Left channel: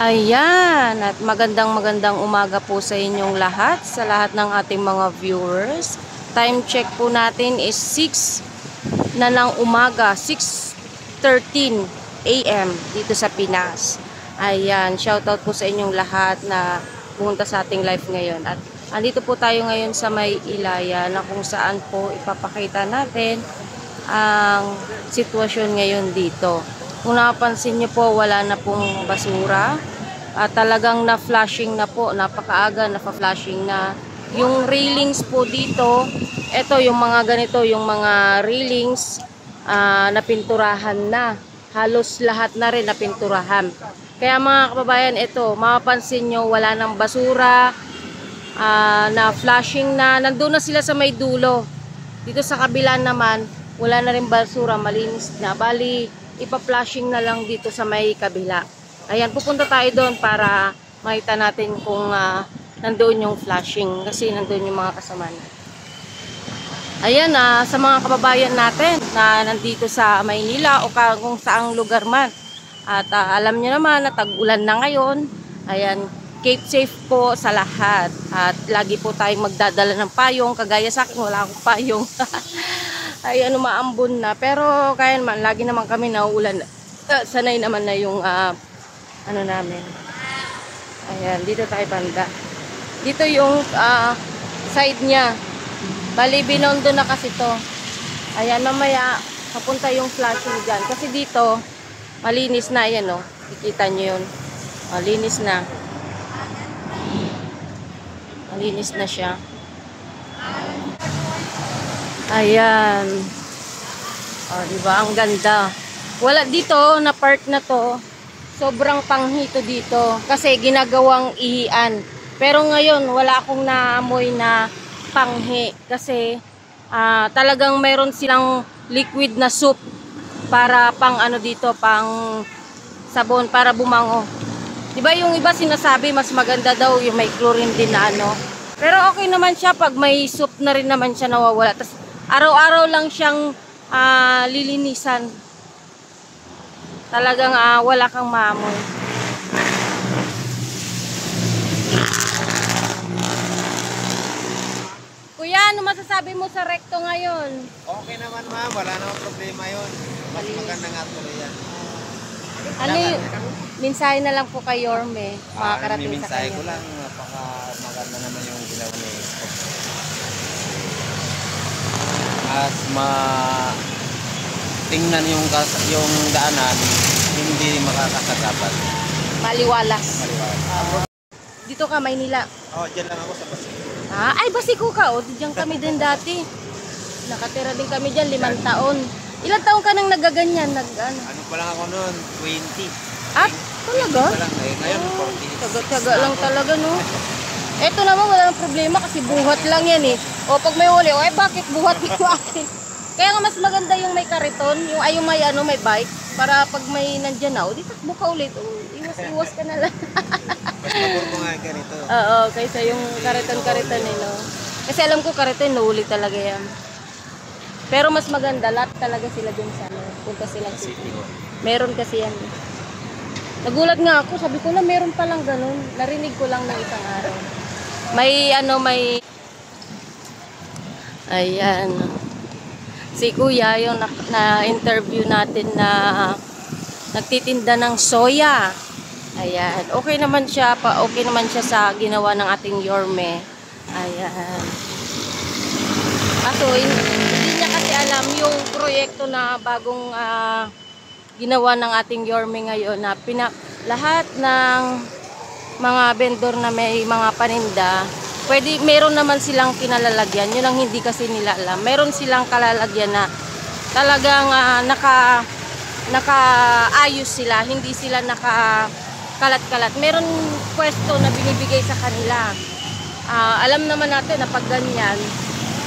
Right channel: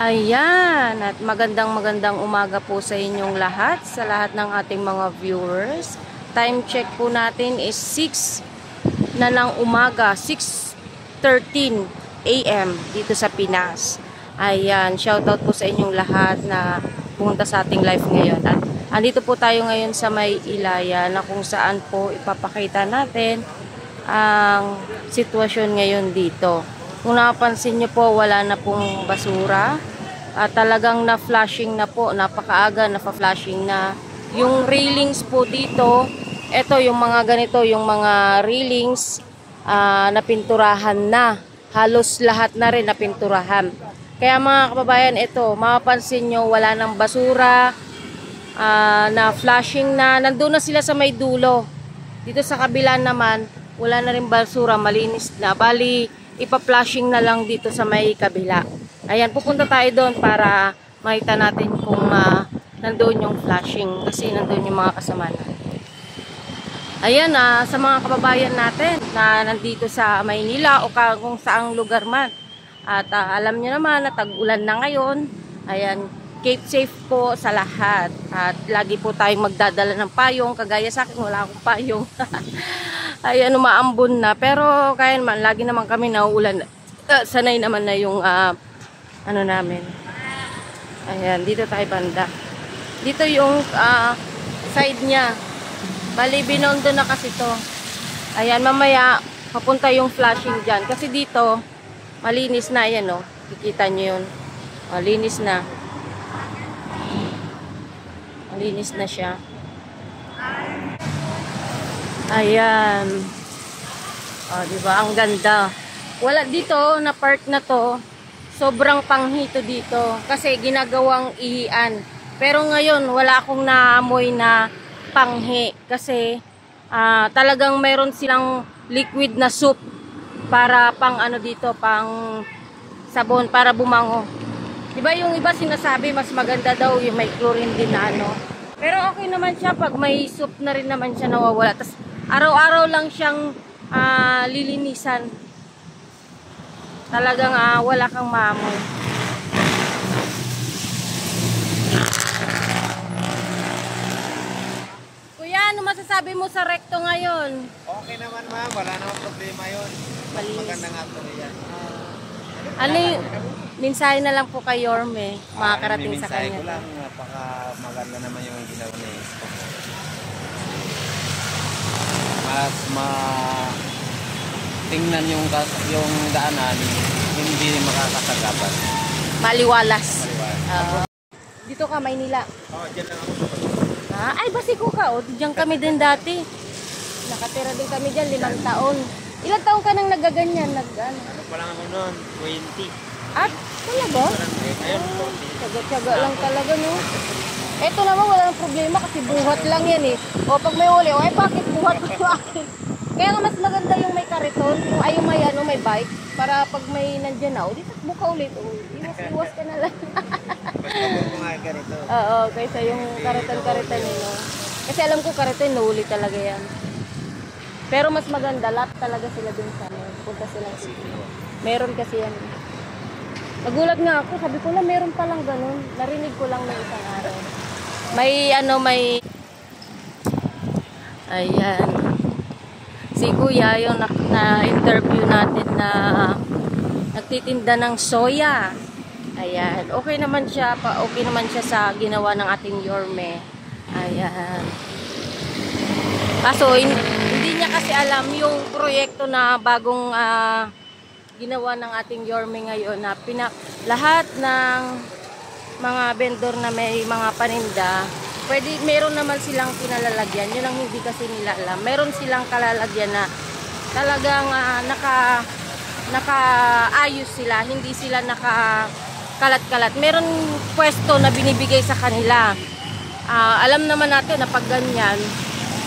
Ayan, at magandang umaga po sa inyong lahat, sa lahat ng ating mga viewers. Time check po natin is 6 na ng umaga, 6:13 AM dito sa Pinas. Ayan, shoutout po sa inyong lahat na pumunta sa ating live ngayon. At andito po tayo ngayon sa May Ilaya na kung saan po ipapakita natin ang sitwasyon ngayon dito. Kung napansin nyo po, wala na pong basura. Talagang na-flashing na po, napakaaga, na-flashing na. Yung railings po dito, ito yung mga ganito, yung mga railings, napinturahan na. Halos lahat na rin napinturahan. Kaya mga kababayan, ito, mapapansin nyo, wala nang basura, na-flashing na. Nandun na sila sa may dulo. Dito sa kabila naman, wala na rin basura, malinis na. Bali, ipa-flashing na lang dito sa may kabila. Ayan, pupunta tayo doon para makita natin kung nandoon yung flashing kasi nandoon yung mga kasama natin. Ayan, sa mga kababayan natin na nandito sa Maynila o kung saang lugar man. At alam nyo naman na tag-ulan na ngayon. Ayan, keep safe po sa lahat. At lagi po tayong magdadala ng payong. Kagaya sa akin, wala akong payong. Ayan, umaambon na. Pero kaya naman, lagi naman kami nauulan. Sanay naman na yung ano namin. Ayan, dito tayo banda. Dito yung side niya. Bali, binondo na kasi to. Ayan, mamaya papunta yung flashing dyan. Kasi dito, malinis na. Ayan, oh. Kikita nyo yun. Malinis na. Malinis na siya. Ayan. O, diba? Ang ganda. Wala dito, na part na to, sobrang panghito dito. Kasi ginagawang ihian. Pero ngayon, wala akong naamoy na panghi. Kasi talagang meron silang liquid na soup para pang ano dito, pang sabon, para bumango. Diba yung iba sinasabi, mas maganda daw yung may chlorine din na ano. Pero okay naman siya pag may soup na rin naman siya nawawala. Tas araw-araw lang siyang lilinisan. Talagang wala kang maamoy. Kuya, ano masasabi mo sa recto ngayon? Okay naman ma'am, wala namang problema yun. Mas maganda nga tuloy yan. Ano yung mensahe na lang po kay Yorme, makakarating sa kanya? Ko lang, napaka maganda naman yung ginawa ni Spock. Mas tingnan yung daanan, hindi makakasagapan. Maliwalas. Maliwalas. Dito ka, Maynila. Dyan lang po. Ay, Basiko ka. Diyan kami din dati. Nakatira din kami dyan, 5 taon. Ilang taon ka nang nagaganyan? Ano pa lang ako noon? 20. At, talaga? Ngayon, Tiyaga-tiyaga lang talaga, no? Eto naman, wala nang problema kasi buhat lang yan eh. O, pag may uli, bakit buhat mo akin? Kaya nga mas maganda yung may kariton, yung may bike, para pag may nandyan na, di takbo ka ulit. Iwas ka na lang. Oo, kaysa yung kariton eh, no? Kasi alam ko kariton, nahuli talaga yan. Pero mas maganda, lahat talaga sila dun sa punta silang city. Meron kasi yan. Nagulat nga ako, sabi ko na meron palang ganun. Narinig ko lang ng isang araw. May ayan. Si Kuya, yung na-interview natin na nagtitinda ng soya. Ayan. Okay naman siya sa ginawa ng ating Yorme. Ayan. Kaso, hindi niya kasi alam yung proyekto na bagong ginawa ng ating Yorme ngayon na lahat ng mga vendor na may mga paninda, meron naman silang pinalalagyan. Yun ang hindi kasi nila alam. Meron silang kalalagyan na talagang nakaayos sila. Hindi sila nakakalat-kalat. Meron pwesto na binibigay sa kanila. Alam naman natin na pag ganyan,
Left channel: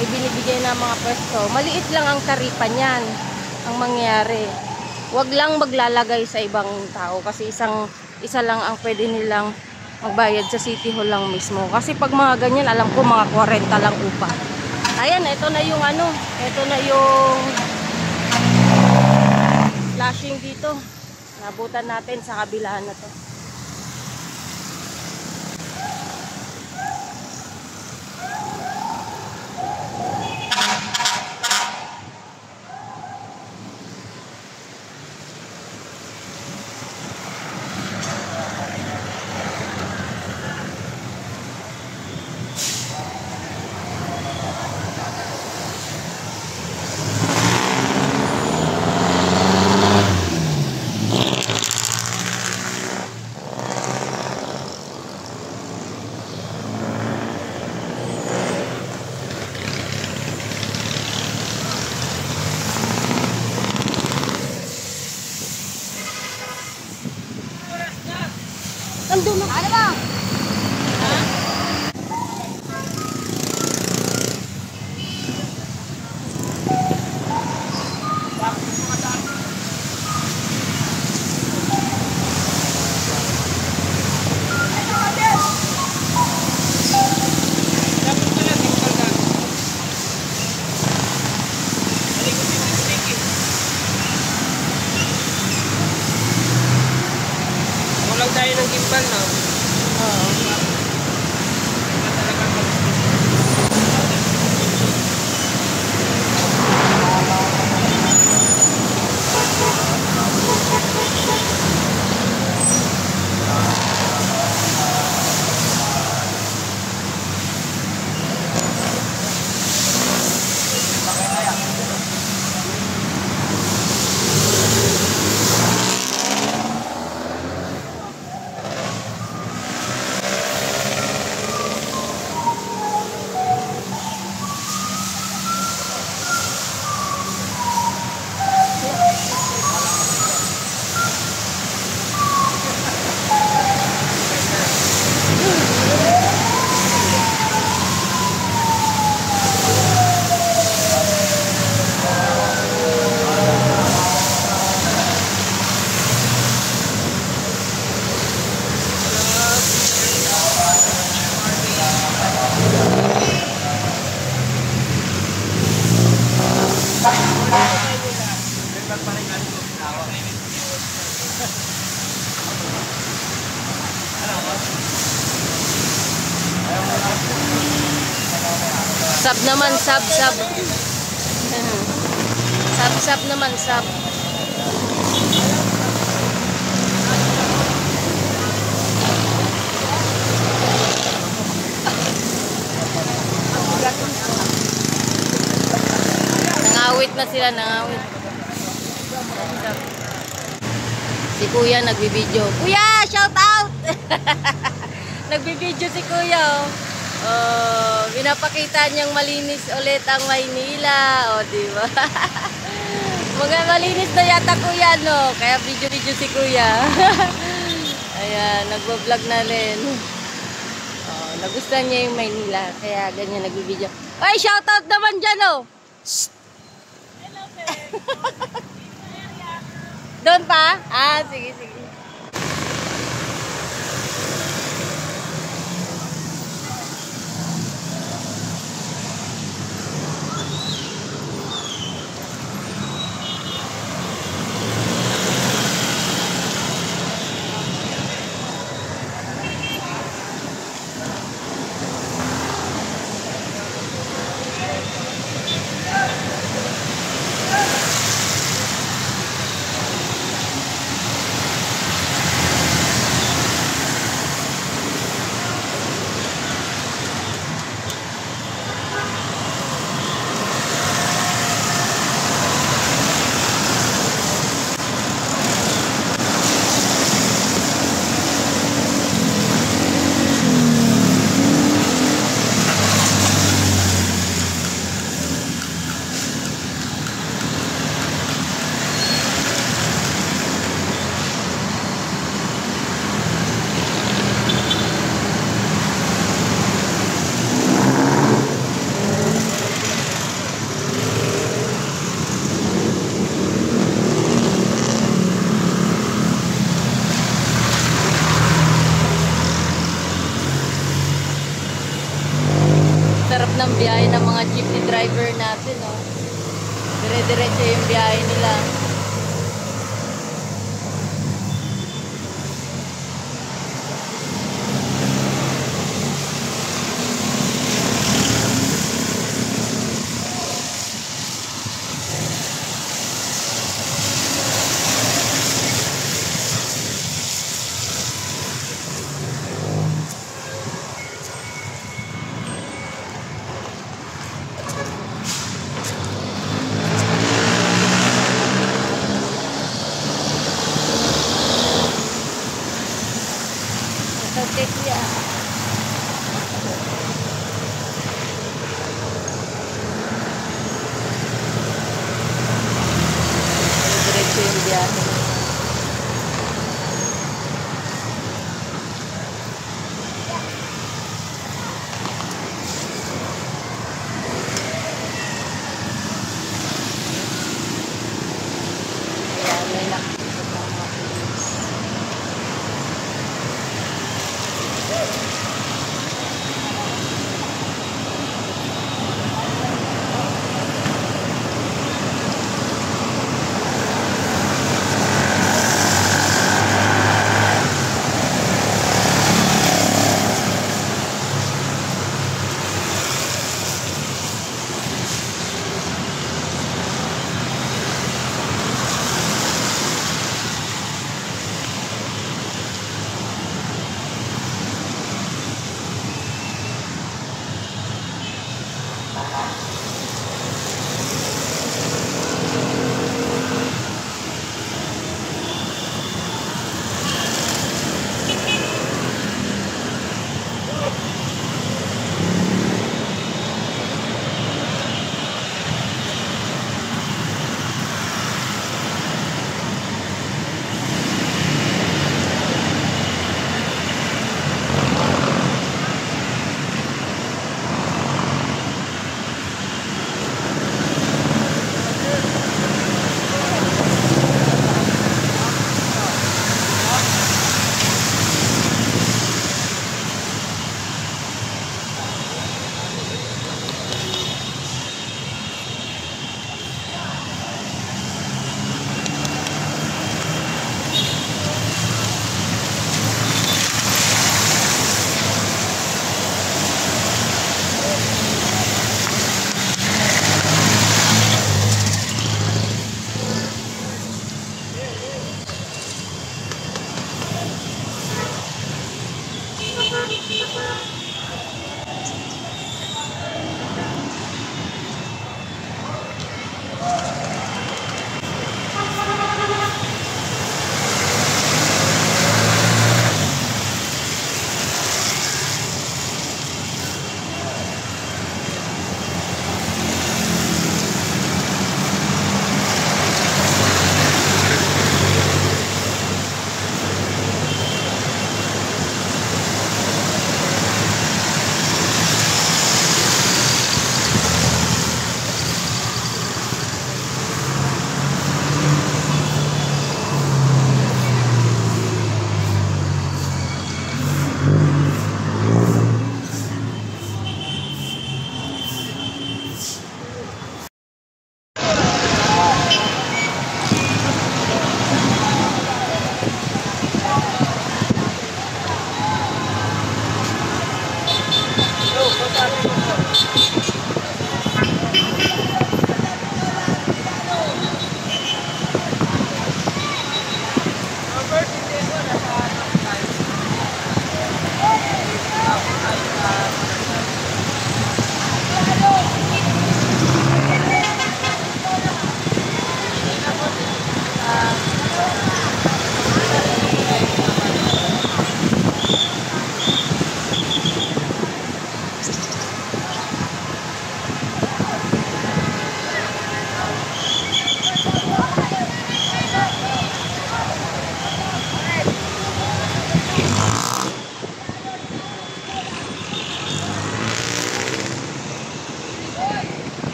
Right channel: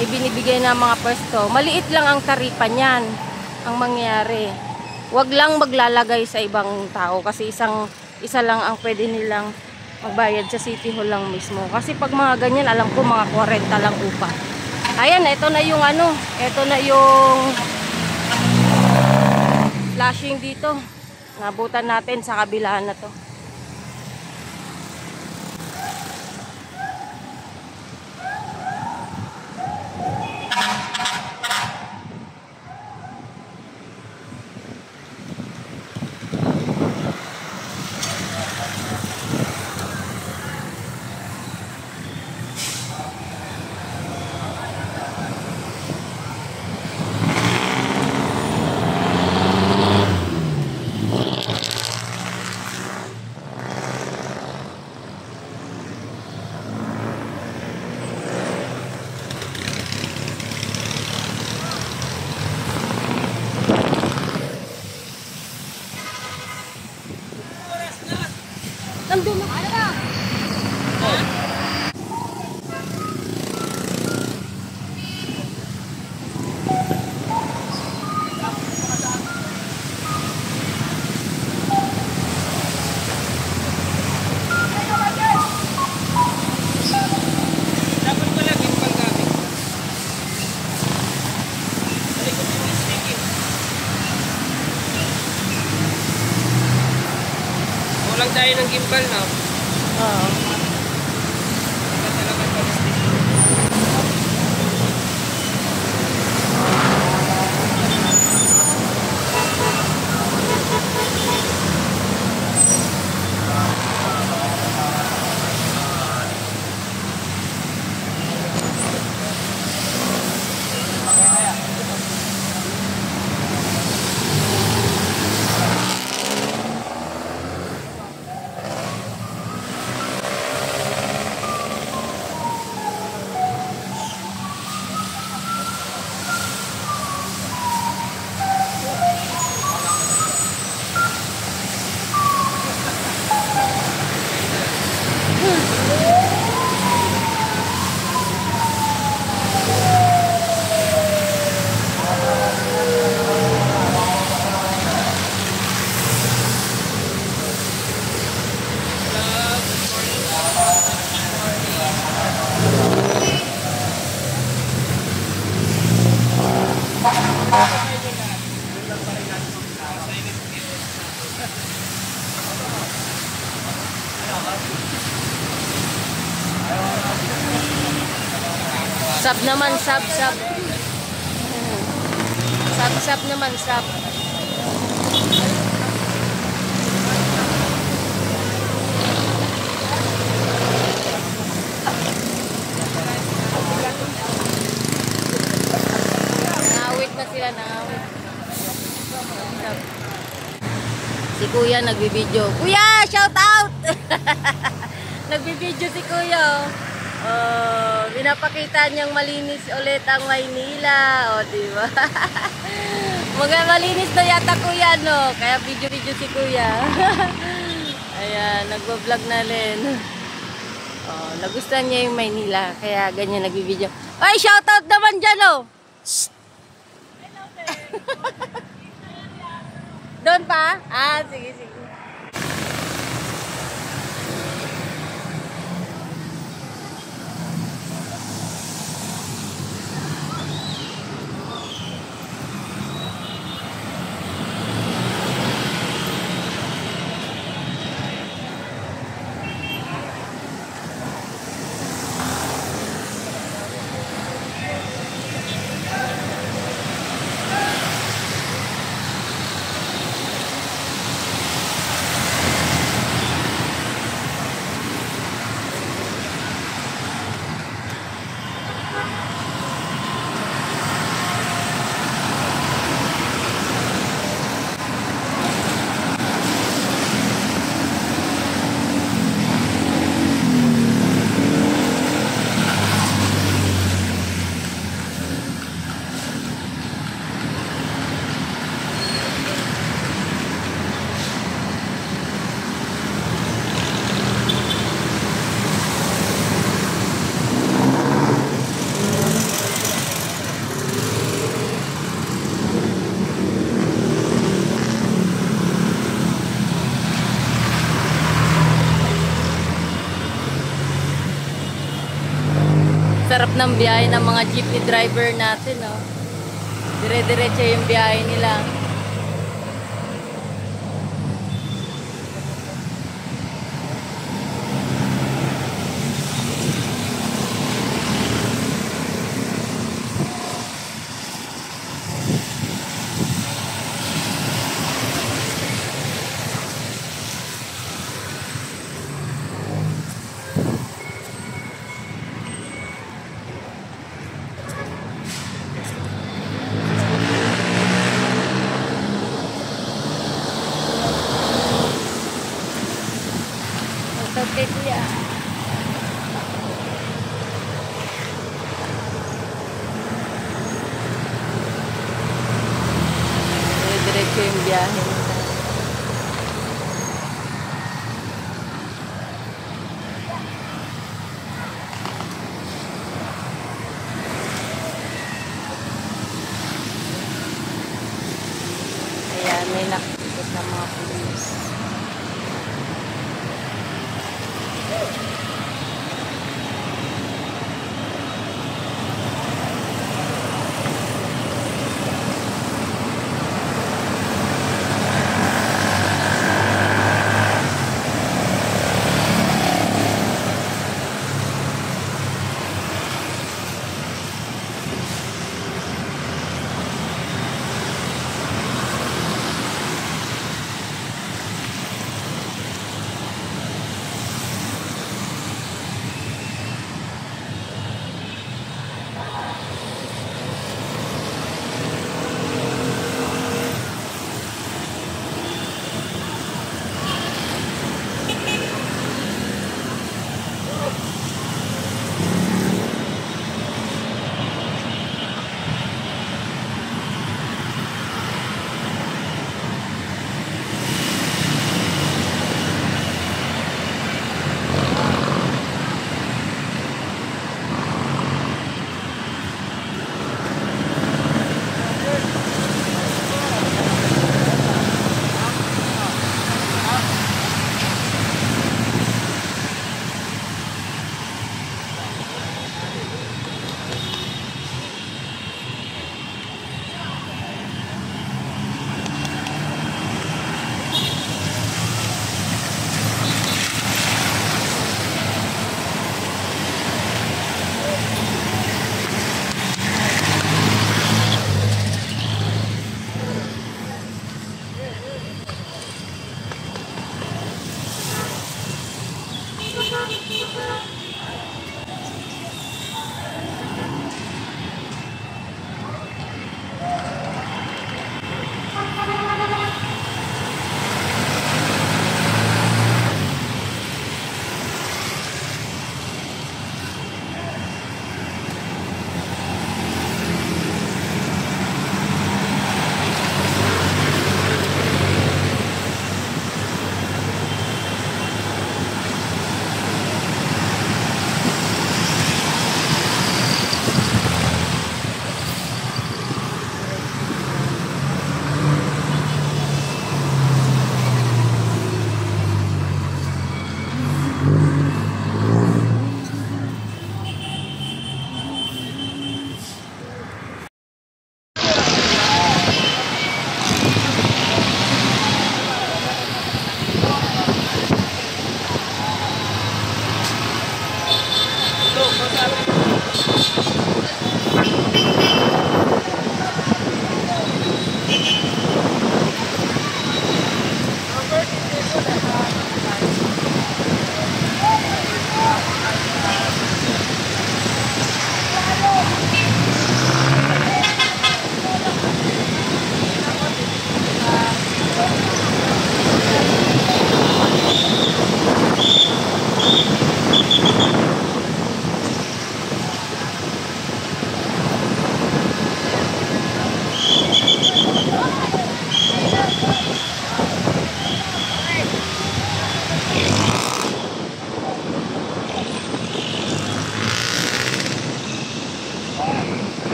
may binibigay na mga pwesto. Maliit lang ang taripa niyan ang mangyayari. Huwag lang maglalagay sa ibang tao kasi isa lang ang pwede nilang magbayad sa City Hall lang mismo. Kasi pag mga ganyan, alam ko mga 40 lang upa. Ayan, ito na yung flashing dito. Nabutan natin sa kabilaan na to. Andun na. Ano ba? Walang tayo ng gimbal, no? Oo. Sab naman, sab. Sab naman, sab. Nangawit na sila, nangawit. Sab. Si Kuya nagbibideo. Kuya, shout out! Nagbibideo si Kuya. Oh, pinapakita niyang malinis ulit ang Maynila. Oh, di ba? Mga malinis na yata Kuya, no? Kaya video-video si Kuya. Ayan, nagbablog na rin. Oh, nagustuhan niya yung Maynila. Kaya ganyan nagbibideo. Ay, shoutout naman dyan, oh! Hello, doon pa? Ah, sige, sige. Sarap ng biyahe ng mga jeepney driver natin, no? Dire-diretso yung biyahe nila. Okay, kuya. Dire-diretso yung biyahe nila.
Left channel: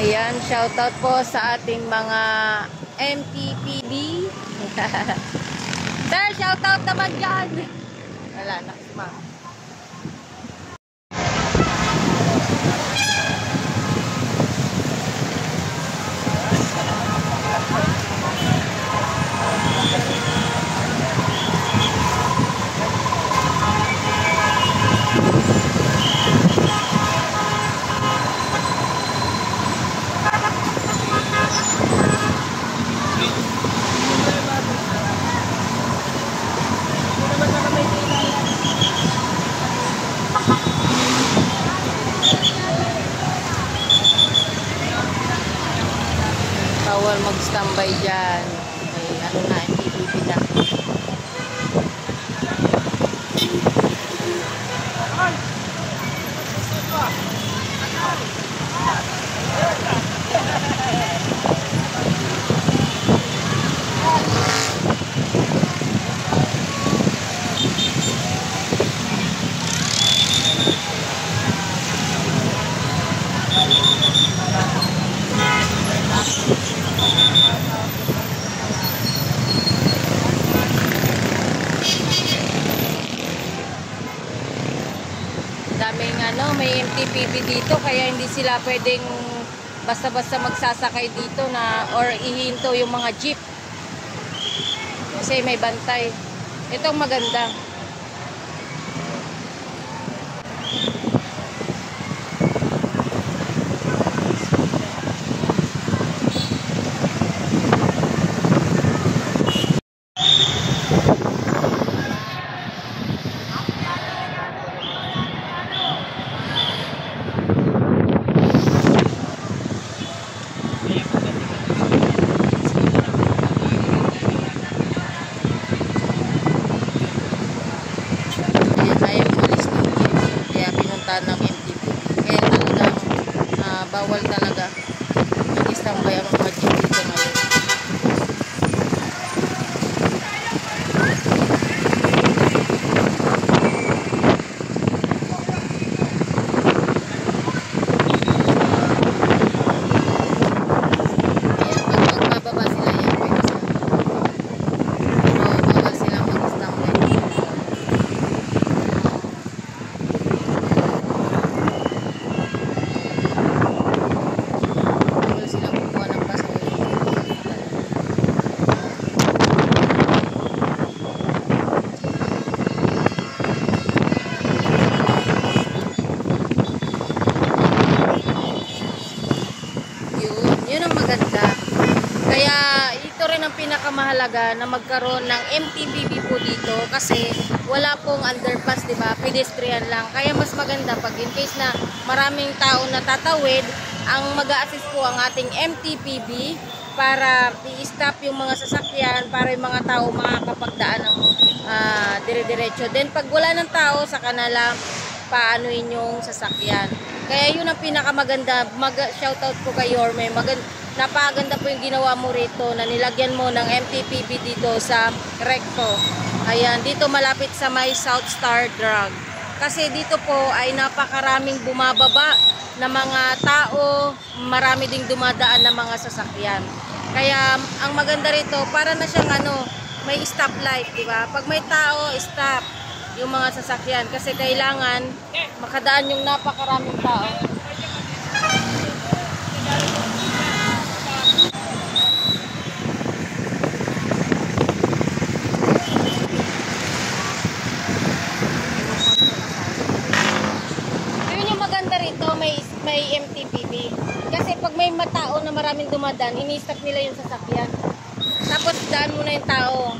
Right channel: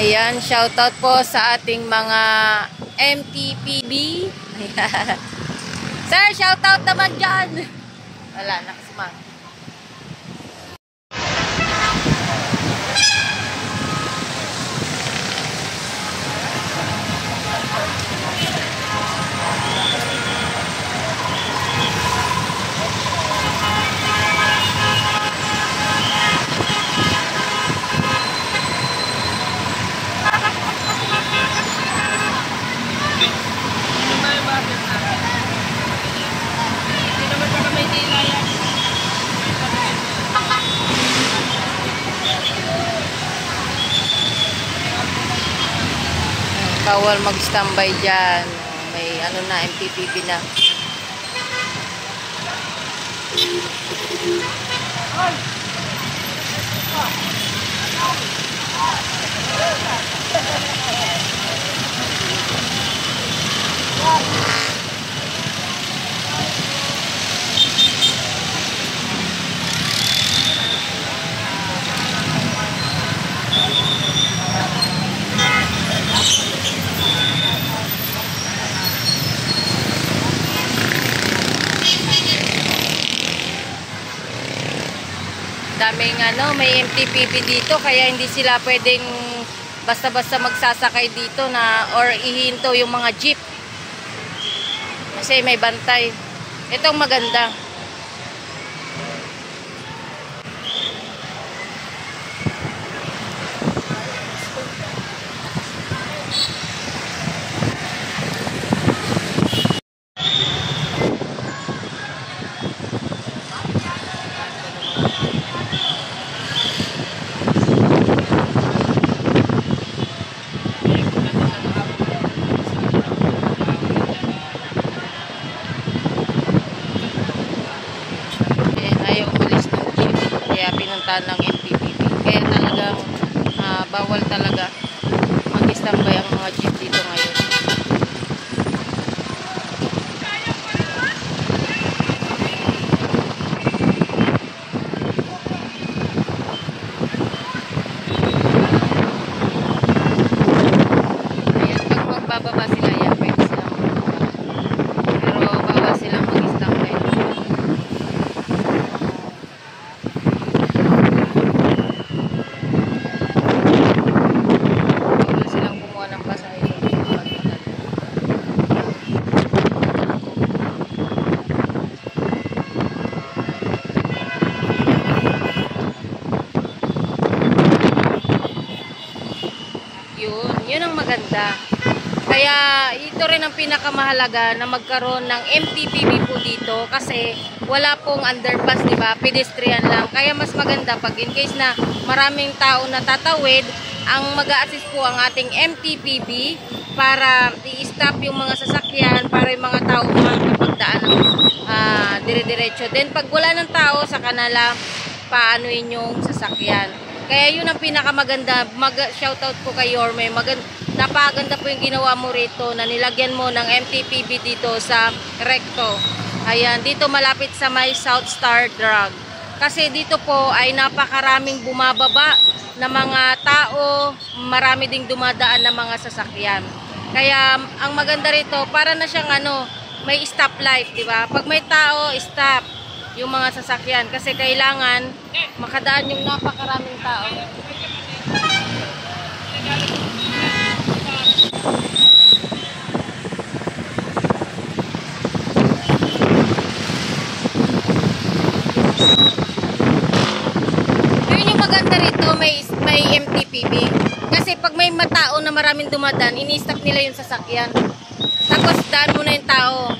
Ayan, shoutout po sa ating mga MTPB. Ayan. Sir, shoutout naman dyan. Wala, nakasumang. Bawal mag-standby dyan. May ano na, MPPP na. Daming ano, may MTPP dito kaya hindi sila pwedeng basta-basta magsasakay dito na or ihinto yung mga jeep. Kasi may bantay. Itong maganda. Pinuntahan ng MPPP. Kaya talagang bawal talaga mag-standby ang mga jeep dito ngayon. Ayan, pag magbababa sila yan, pwede sila magbababa. Pero bawal silang mag-standby. Yun ang maganda. Kaya ito rin ang pinakamahalaga na magkaroon ng MTPB po dito kasi wala pong underpass, di ba? Pedestrian lang. Kaya mas maganda pag in case na maraming tao na tatawid, ang mag-a-assist po ang ating MTPB para i-stop yung mga sasakyan para yung mga tao makakapagdaan ng dire-diretso. Then pag wala ng tao sa kanila, paanoin yung sasakyan. Kaya yun ang pinakamaganda. Shoutout po kay Yorme. Napakaganda po yung ginawa mo rito na nilagyan mo ng MTPB dito sa recto. Ayan, dito malapit sa may South Star Drug. Kasi dito po ay napakaraming bumababa na mga tao, marami ding dumadaan na mga sasakyan. Kaya ang maganda rito, para na siyang may stoplight, di ba? Pag may tao, stop yung mga sasakyan kasi kailangan makadaan yung napakaraming tao. Yun yung maganda rito, may MTPB. Kasi pag may matao na maraming dumadaan, ini-stop nila yung sasakyan. Tapos daan muna yung tao.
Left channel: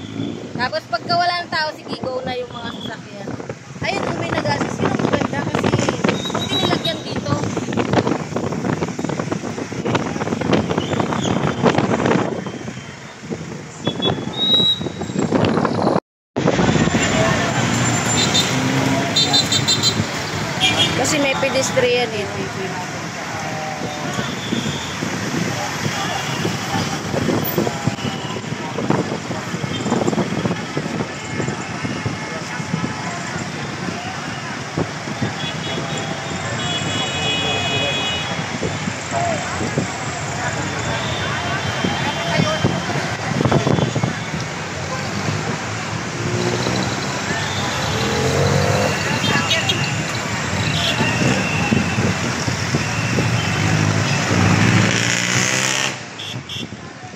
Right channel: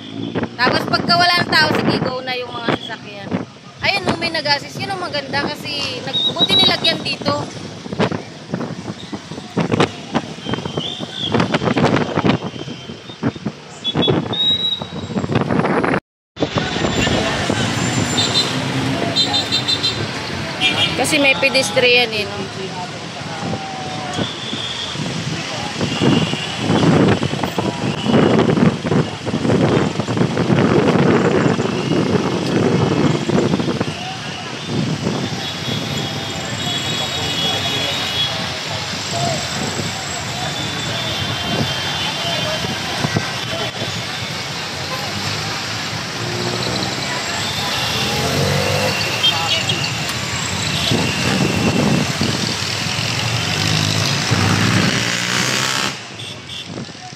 Tapos pagka wala ng tao, sige, go na yung mga sasakyan. Ayun, may nag-assist. Yun ang maganda kasi buti nilagyan dito. Kasi may pedestrian no?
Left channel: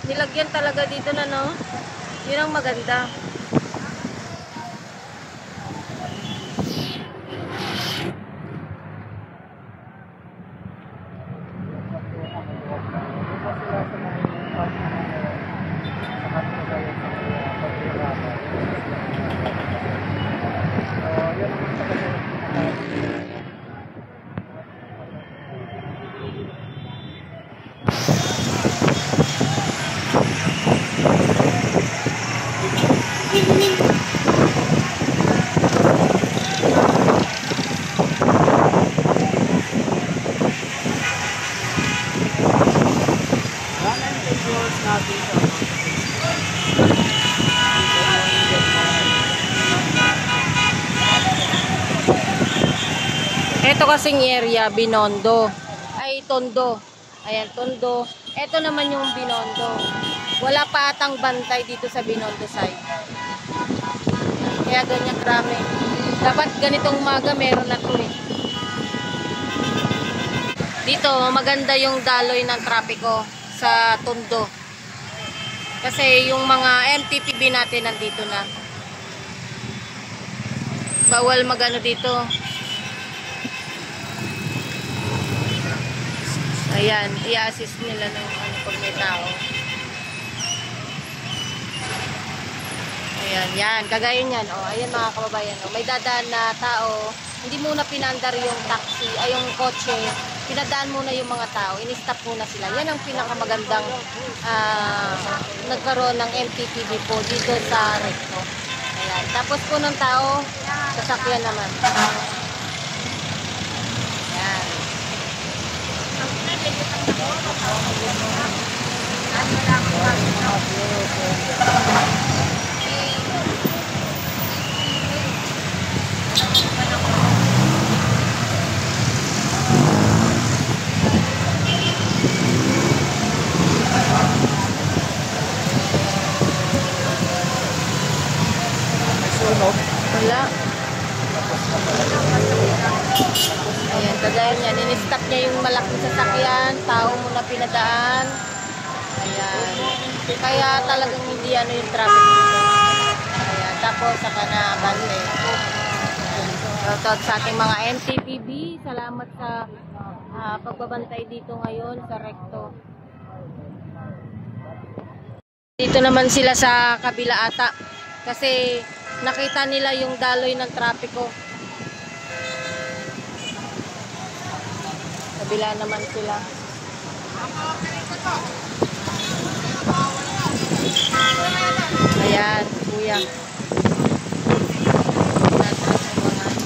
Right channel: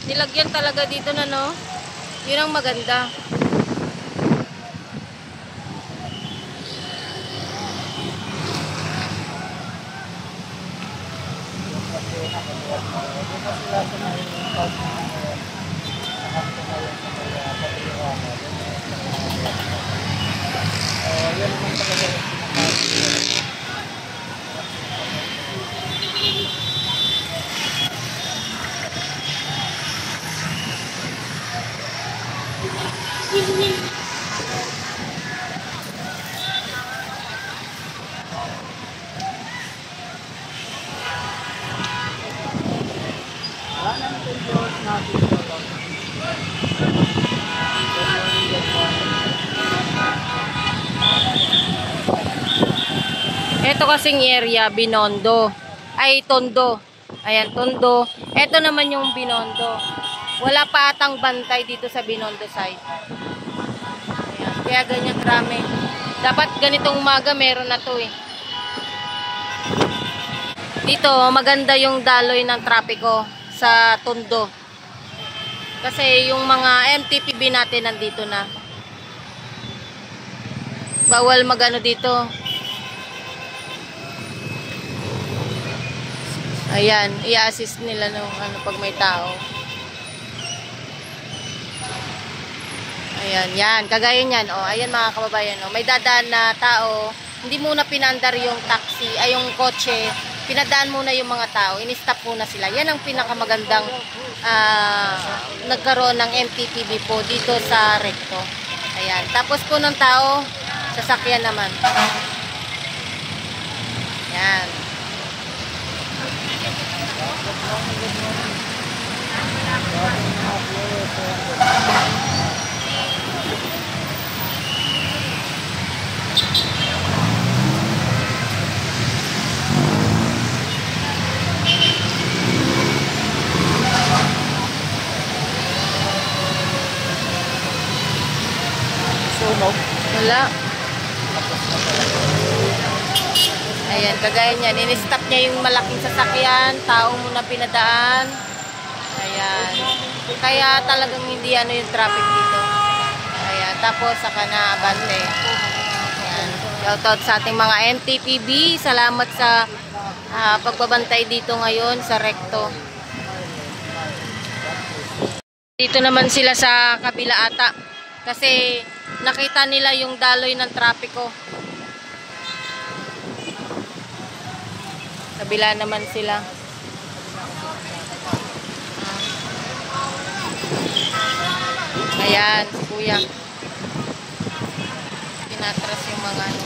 Nilagyan talaga dito na yun ang maganda. Ito kasing area, Binondo. Ay, Tondo. Ayan, Tondo. Ito naman yung Binondo. Wala pa atang bantay dito sa Binondo side. Ayan, kaya ganyan krami. Dapat ganitong umaga meron na to eh. Dito, maganda yung daloy ng trapiko sa Tondo. Kasi yung mga MTPB natin nandito na. Bawal magano dito. Ayan, i-assist nila pag may tao. Ayan, yan, kagaya niyan. Oh, ayan mga kababayan, may dadaan na tao, hindi muna pinandar yung taxi, ay yung kotse, pinadaan muna yung mga tao, in-stop muna sila. Yan ang pinakamagandang nagkaroon ng MTPB po dito sa recto. Ayan, tapos po ng tao, sasakyan naman. Ayan. Wala. Ayan, kagaya niyan. In-stop niya yung malaking sasakyan. Tao muna pinadaan. Ayan. Kaya talagang hindi yung traffic dito. Ayan. Tapos saka na abante. Ayan. Shoutout sa ating mga MTPB. Salamat sa pagbabantay dito ngayon sa recto. Dito naman sila sa kabila ata. Kasi nakita nila yung daloy ng trapiko. Kabila naman sila. Ayan, si Kuya. Pinatras yung mga ano.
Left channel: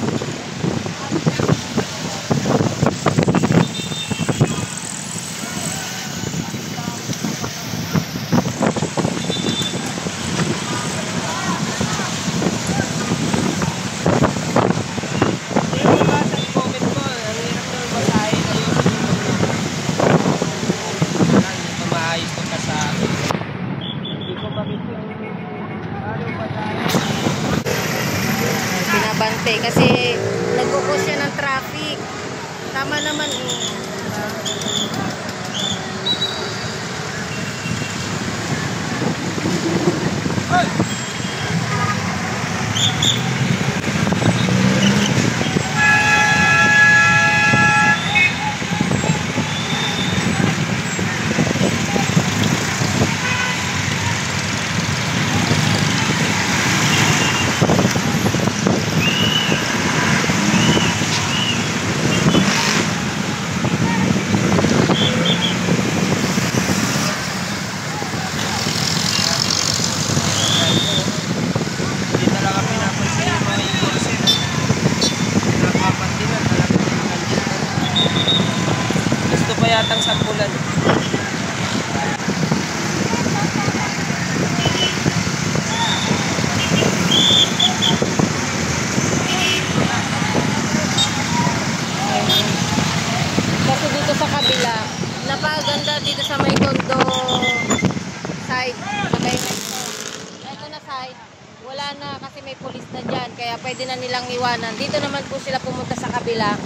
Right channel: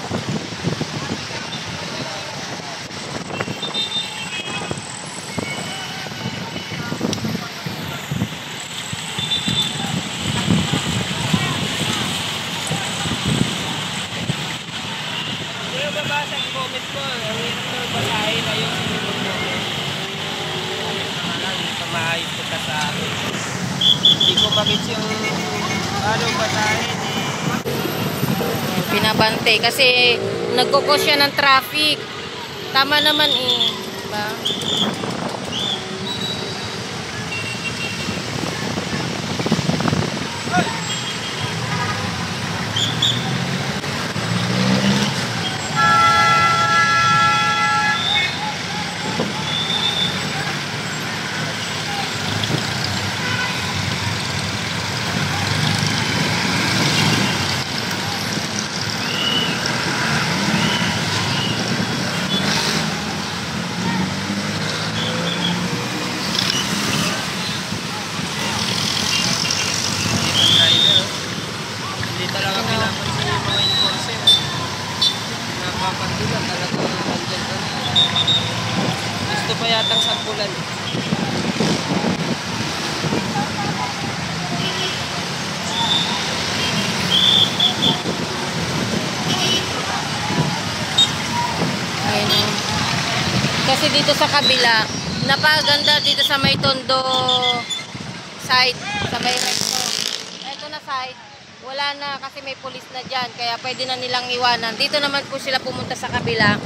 Pinabante kasi nagkukos siya ng traffic. Tama naman eh. Diba? Gusto pa yatang sampulan. Ayun. Kasi dito sa kabila, napaganda dito sa may Tondo side, sa may ito na side, wala na kasi may pulis na dyan, kaya pwede na nilang iwanan. Dito naman po sila pumunta sa kabila.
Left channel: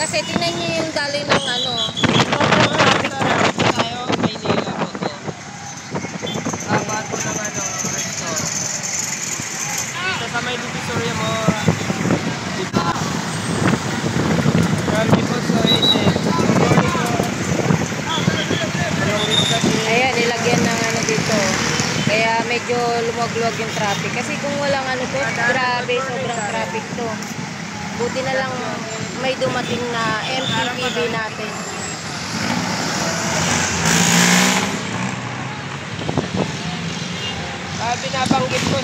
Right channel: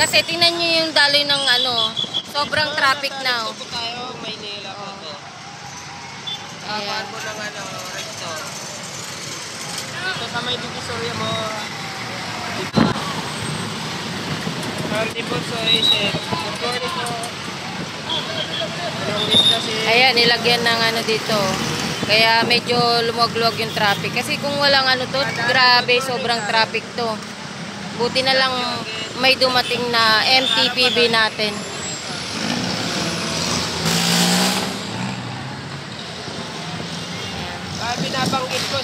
Kasi tingnan nyo yung daloy ng ano, sobrang traffic na. Ayan. Dito sa may divisoria mo. Ayan, nilagyan ng ano dito. Kaya medyo lumwag-luwag yung traffic. Kasi kung walang ano to, grabe, sobrang traffic to. Buti na lang may dumating na MTPB natin. Binabanggit ko.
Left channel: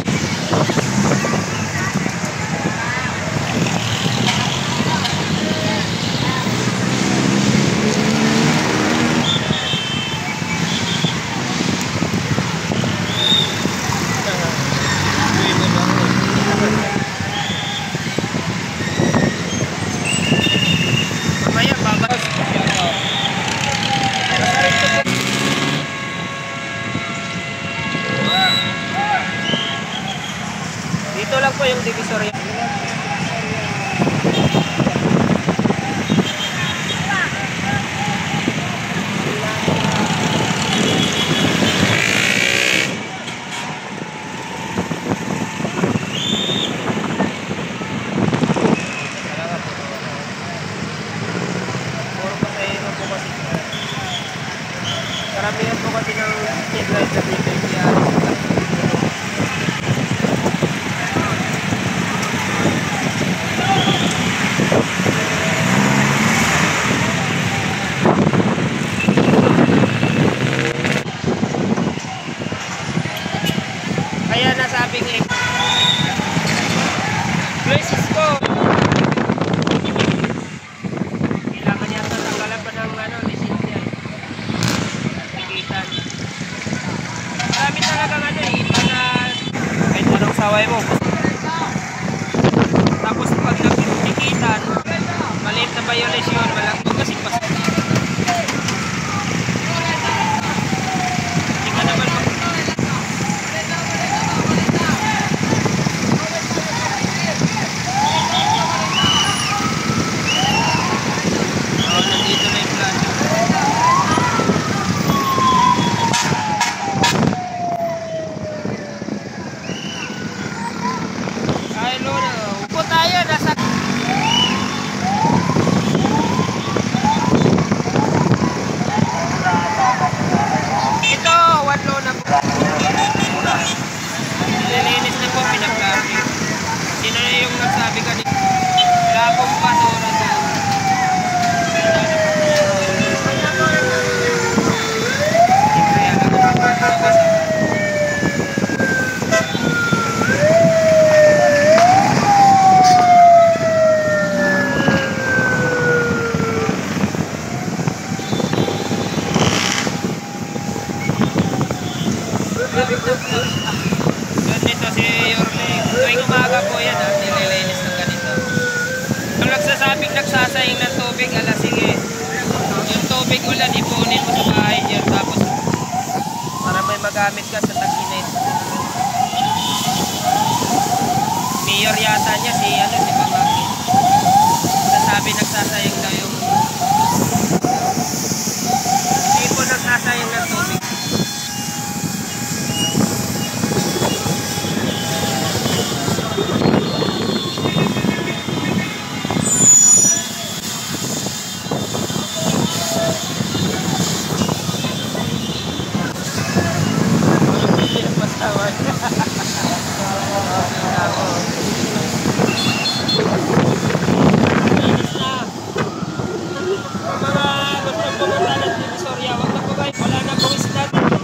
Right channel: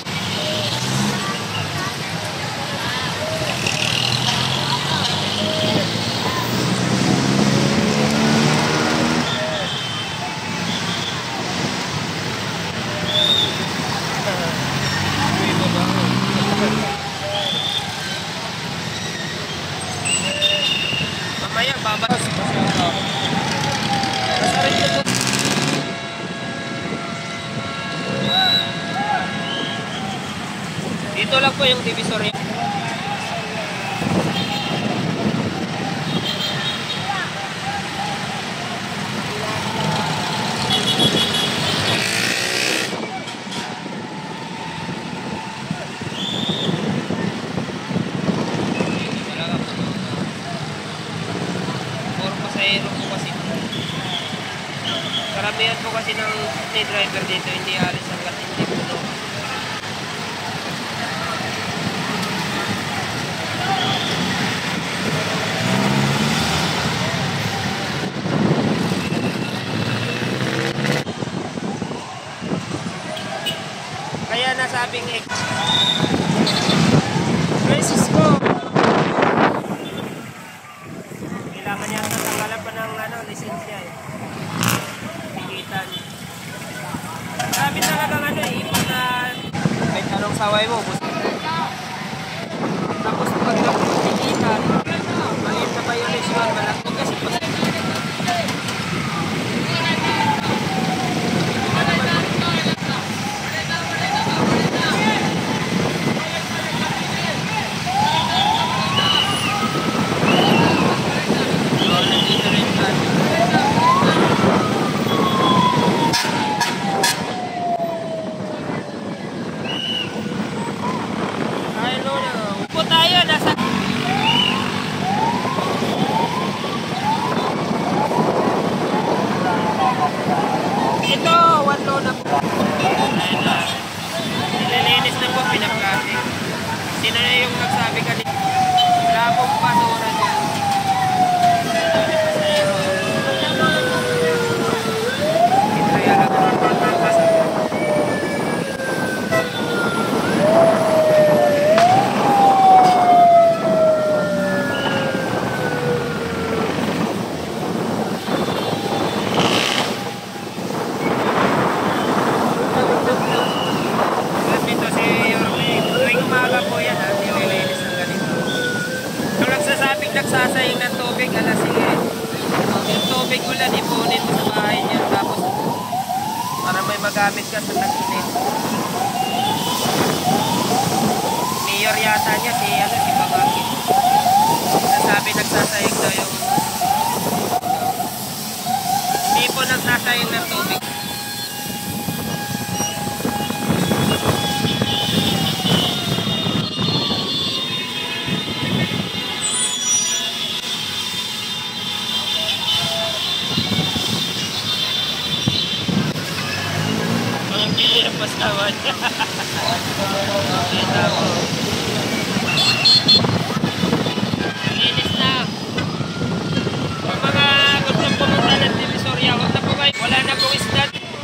Dito lang po yung divisoria. Puro pasahero po kasi. Karamihan po kasi ng driver dito hindi alis sila. Kaya nasabing Luisis ko. Kailangan niya tatanggalan pa ng lisensya eh. Ikitan. Sabi talagang kahit anong saway mo. Tapos pag ikitan, maliit na violation, malaki kasi pa. Upo tayo, nasa Dito si Yorme. Tuwing umaga po yan, nililinis ng ganito. Kung nagsasabing nagsasayang ng tubig, sige. Yung tubig ulan, ipunin mo sa bahay dyan. Tapos, para may magamit ka sa tag-init. Mayor yata niya, si Bangaki. Nasabi nagsasayang na yung... Hindi po nagsasayang ng tubig. Pastawan. Okay, tamo. Linis na. Ang mga gustong pumunta ng Divisoria, wag na po kayo. Wala na pong isdat.